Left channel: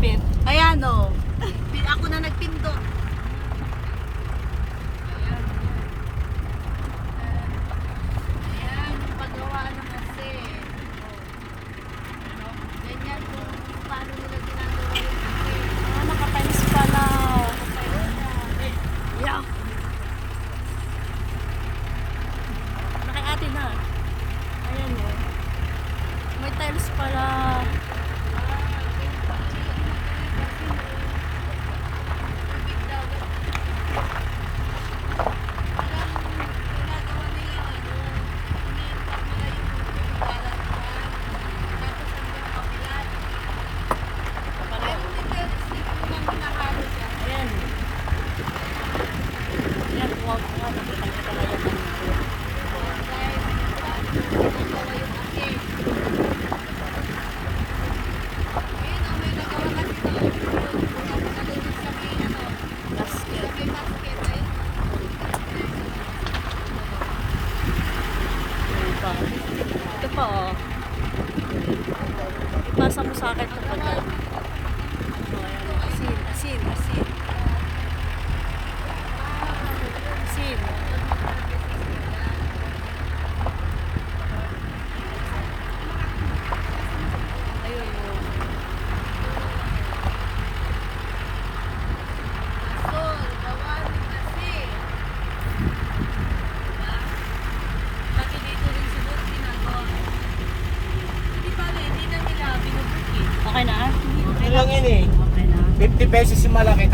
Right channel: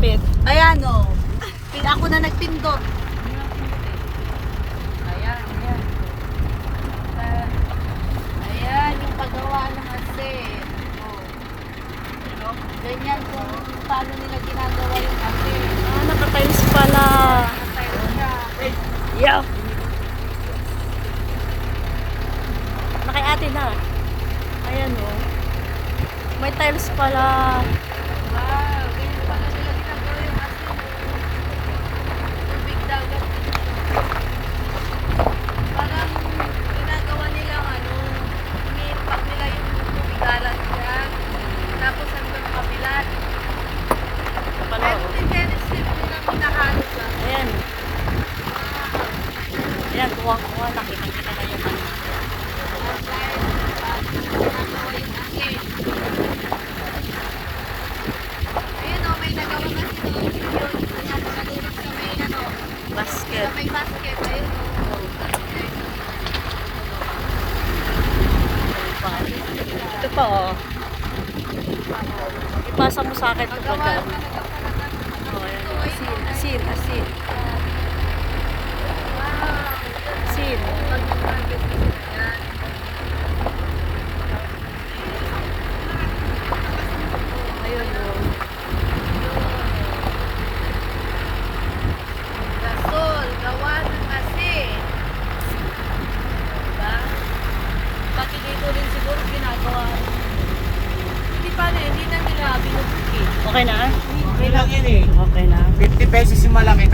malupit. Ayan o. Ako na nagpindot. Ayan, ayan. Ayan, yung paggawa ng asin. Oh. Ganyan kung paano nila ginagawa yung asin. Ah, naka-tiles pala. Nakatayo siya. Yeah. Nakay ate na. Ayan o. May tiles pala. Wow, ganyan pala nila ginagawa yung asin. Tubig dagat dito. Parang ginagawa nilang ano, ini-impact nila yung tubig dagat dyan. Tapos hanggang kabilat. Ito pala Pero o. din Dennis Street nilang hinahalo dyan. Ayan. Wow. Ayan, kuha-kuha. Nakitang-kita na yung ano. Ayan guys, paano ginagawa yung asin. Ayun o, may nagawa kasi no, yun natin nalulog sa may ano, Basket. sa may basket. Ayun o, ganun guys ang nagawa. Ayan pa. Ito pa o. Ipasa mo sa akin ito Nagawa pagka. talaga pala ganun. Oh, ayan o. Asin, asin, asin. Wow, yun o. Asin. Pag nag-harvest na sila yan. Ayun o. Yun o. Gasol, gawa ng asin. Diba? Pati dito rin siguro ginagawa. Hindi pa na, hindi na nila binubuki. Okay na? Okay lang yun eh. Okay na. 50 pesos yung malaki.